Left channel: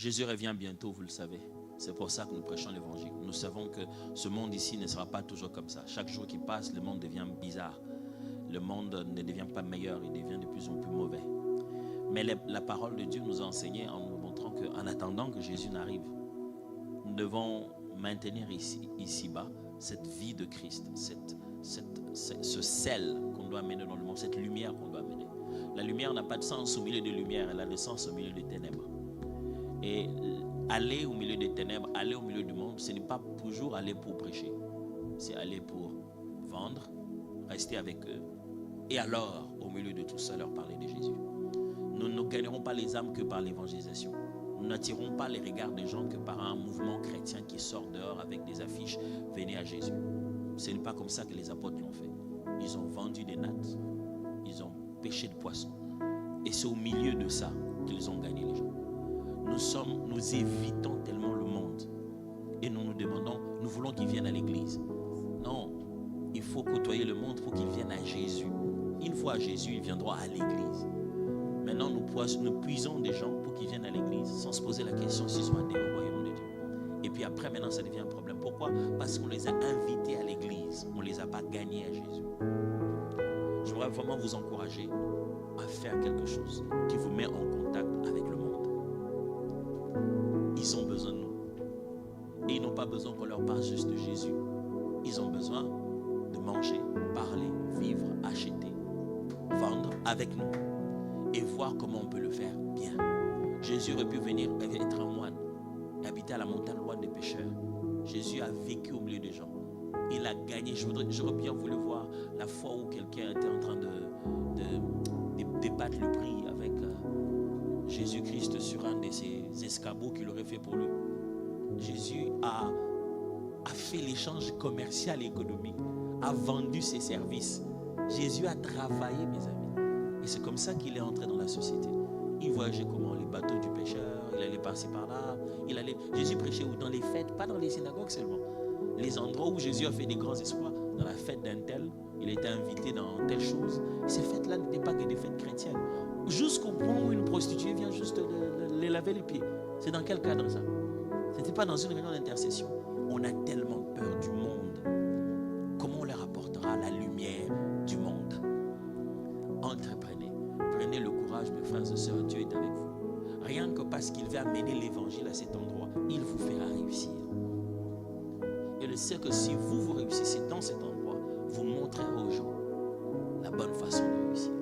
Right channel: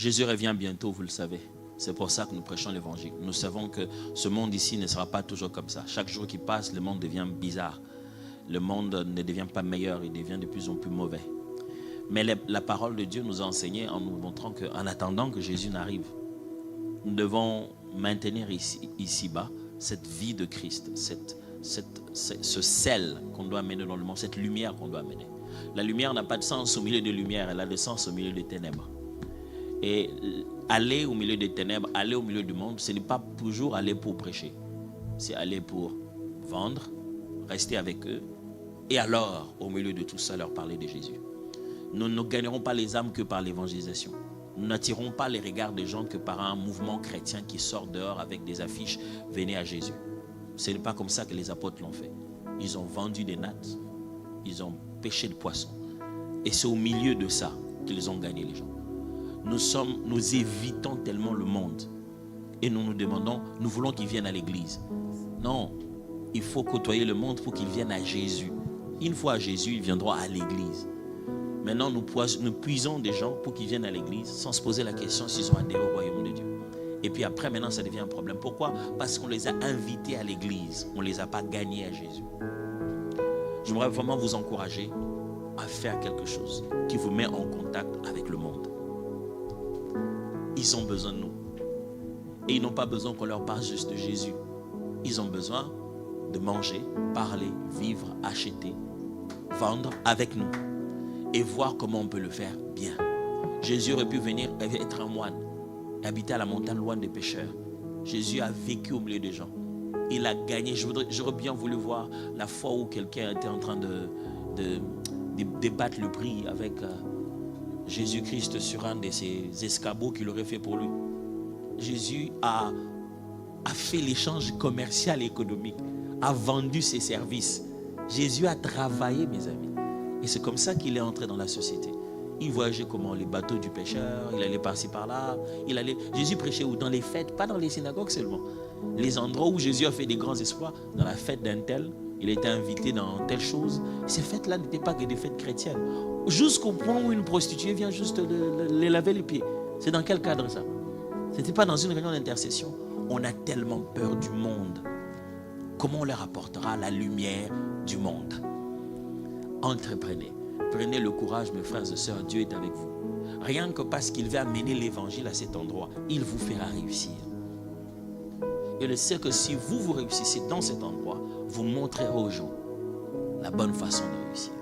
Jésus revient bientôt, vous le savez. C'est pour ça que nous prêchons l'évangile. Nous savons que ce monde ici ne sera pas toujours comme ça. Chaque jour qui passe, le monde devient bizarre. Le monde ne devient pas meilleur, il devient de plus en plus mauvais. Mais la parole de Dieu nous a enseigné en nous montrant qu'en attendant que Jésus n'arrive, nous devons maintenir ici-bas cette vie de Christ, ce sel qu'on doit amener dans le monde, cette lumière qu'on doit amener. La lumière n'a pas de sens au milieu de lumière, elle a de sens au milieu des ténèbres. Et aller au milieu des ténèbres, aller au milieu du monde, ce n'est pas toujours aller pour prêcher. C'est aller pour vendre, rester avec eux, et alors, au milieu de tout ça, leur parler de Jésus. Nous ne gagnerons pas les âmes que par l'évangélisation. Nous n'attirons pas les regards des gens que par un mouvement chrétien qui sort dehors avec des affiches « Venez à Jésus ». Ce n'est pas comme ça que les apôtres l'ont fait. Ils ont vendu des nattes, ils ont pêché de poissons. Et c'est au milieu de ça qu'ils ont gagné les gens. Nous évitons tellement le monde. Et nous nous demandons, nous voulons qu'ils viennent à l'église. Non, il faut côtoyer le monde pour qu'ils viennent à Jésus. Une fois à Jésus, ils viendront à l'église. Maintenant, nous puisons des gens pour qu'ils viennent à l'église sans se poser la question s'ils ont adhéré au royaume de Dieu. Et puis après, maintenant, ça devient un problème. Pourquoi? Parce qu'on les a invités à l'église. On ne les a pas gagnés à Jésus. J'aimerais vraiment vous encourager à faire quelque chose qui vous met en contact avec le monde. Ils ont besoin de nous. Et ils n'ont pas besoin qu'on leur parle juste de Jésus. Ils ont besoin de manger, parler, vivre, acheter, vendre avec nous. Et voir comment on peut le faire bien. Jésus aurait pu venir être un moine, habiter à la montagne loin des pécheurs. Jésus a vécu au milieu des gens. Il a gagné. J'aurais bien voulu voir la fois où quelqu'un était en train de débattre le prix avec Jésus-Christ sur un de ses escabeaux qu'il aurait fait pour lui. Jésus a fait l'échange commercial et économique, a vendu ses services. Jésus a travaillé, mes amis. Et c'est comme ça qu'il est entré dans la société. Il voyageait comment? Les bateaux du pêcheur, il allait par-ci par-là. Jésus prêchait où? Dans les fêtes, pas dans les synagogues seulement. Les endroits où Jésus a fait des grands exploits, dans la fête d'un tel, il était invité dans telle chose. Ces fêtes-là n'étaient pas que des fêtes chrétiennes. Jusqu'au point où une prostituée vient juste les laver les pieds. C'est dans quel cadre ça? Ce n'était pas dans une réunion d'intercession. On a tellement peur du monde. Comment on leur apportera la lumière du monde? Entreprenez. Prenez le courage, mes frères et sœurs, Dieu est avec vous. Rien que parce qu'il veut amener l'évangile à cet endroit, il vous fera réussir. Et je sais que si vous réussissez dans cet endroit, vous montrerez aux gens la bonne façon de réussir.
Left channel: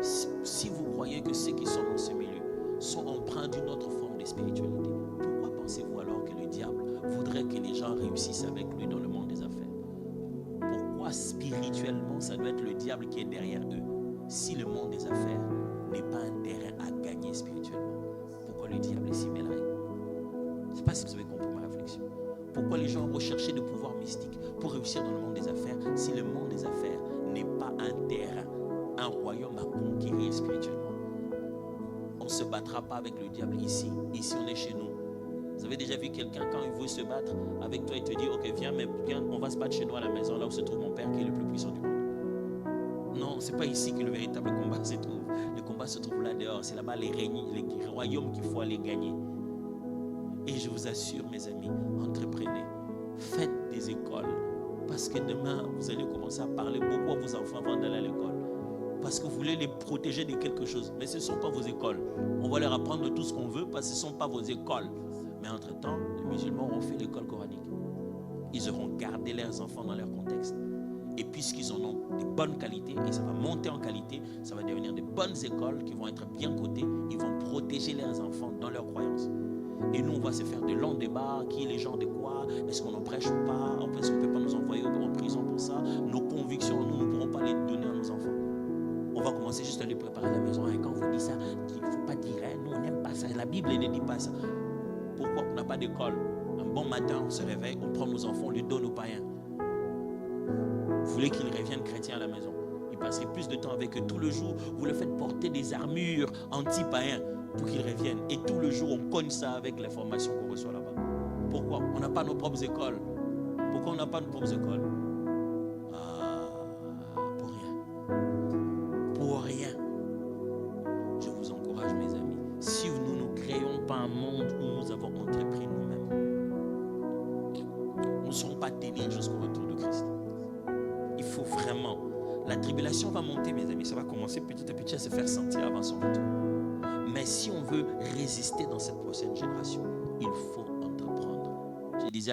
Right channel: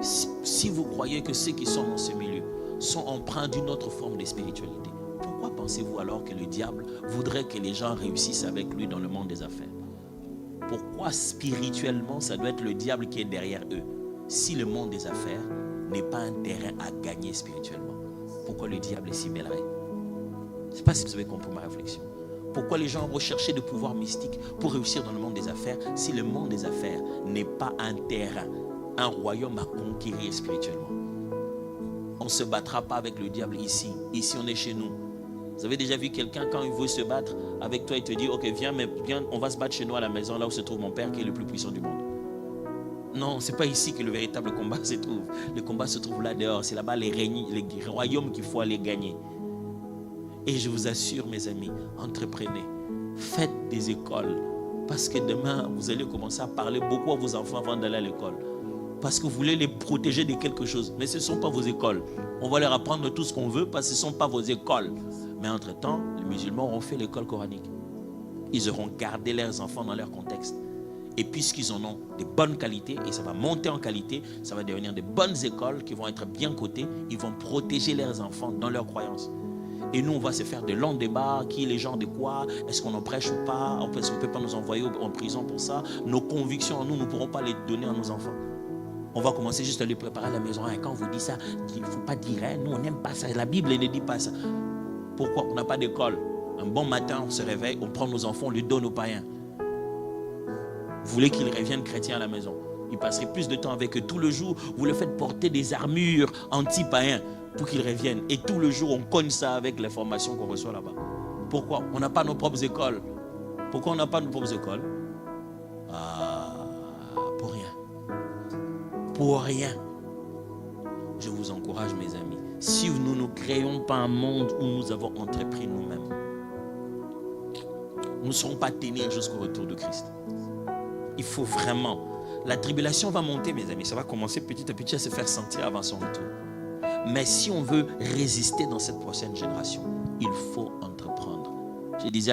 Si vous croyez que ceux qui sont dans ce milieu sont empreints d'une autre forme de spiritualité, pourquoi pensez-vous alors que le diable voudrait que les gens réussissent avec lui dans le monde des affaires? Pourquoi spirituellement ça doit être le diable qui est derrière eux? Si le monde des affaires n'est pas un terrain à gagner spirituellement, pourquoi le diable s'y mêlerait? Je ne sais pas si vous avez compris ma réflexion. Pourquoi les gens recherchaient des pouvoirs mystiques pour réussir dans le monde des affaires si le monde des affaires n'est pas un terrain, un royaume à conquérir spirituellement? On ne se battra pas avec le diable ici. Ici, on est chez nous. Vous avez déjà vu quelqu'un, quand il veut se battre avec toi, il te dit, ok, viens, on va se battre chez nous à la maison, là où se trouve mon père qui est le plus puissant du monde. Non, ce n'est pas ici que le véritable combat se trouve. Le combat se trouve là dehors. C'est là-bas les royaumes qu'il faut aller gagner. Et je vous assure, mes amis, entreprenez. Faites des écoles. Parce que demain, vous allez commencer à parler beaucoup à vos enfants avant d'aller à l'école. Parce que vous voulez les protéger de quelque chose. Mais ce ne sont pas vos écoles. On va leur apprendre tout ce qu'on veut parce que ce ne sont pas vos écoles. Mais entre-temps, les musulmans auront fait l'école coranique. Ils auront gardé leurs enfants dans leur contexte. Et puisqu'ils en ont de bonnes qualités, et ça va monter en qualité, ça va devenir de bonnes écoles qui vont être bien cotées, ils vont protéger leurs enfants dans leurs croyances. Et nous, on va se faire de longs débats, qui est les gens de quoi, est-ce qu'on en prêche ou pas, est-ce qu'on ne peut pas nous envoyer en prison pour ça. Nos convictions, nous ne pourrons pas les donner à nos enfants. On va commencer juste à les préparer à la maison. Et quand on vous dit ça, il ne faut pas dire, hein, nous on n'aime pas ça, la Bible ne dit pas ça. Pourquoi? On n'a pas d'école. Un bon matin, on se réveille, on prend nos enfants, on les donne aux païens. Vous voulez qu'ils reviennent chrétiens à la maison. Ils passeraient plus de temps avec eux. Tout le jour, vous le faites porter des armures anti-païens pour qu'ils reviennent. Et tout le jour, on cogne ça avec les formations qu'on reçoit là-bas. Pourquoi? On n'a pas nos propres écoles. Pourquoi on n'a pas nos propres écoles? Pour rien. Pour rien. Je vous encourage, mes amis. si nous ne créons pas un monde où nous avons entrepris nous-mêmes. Nous ne serons pas tenir jusqu'au retour de Christ. Il faut vraiment. La tribulation va monter, mes amis. Ça va commencer petit à petit à se faire sentir avant son retour. Mais si on veut résister dans cette prochaine génération, il faut entreprendre. Je disais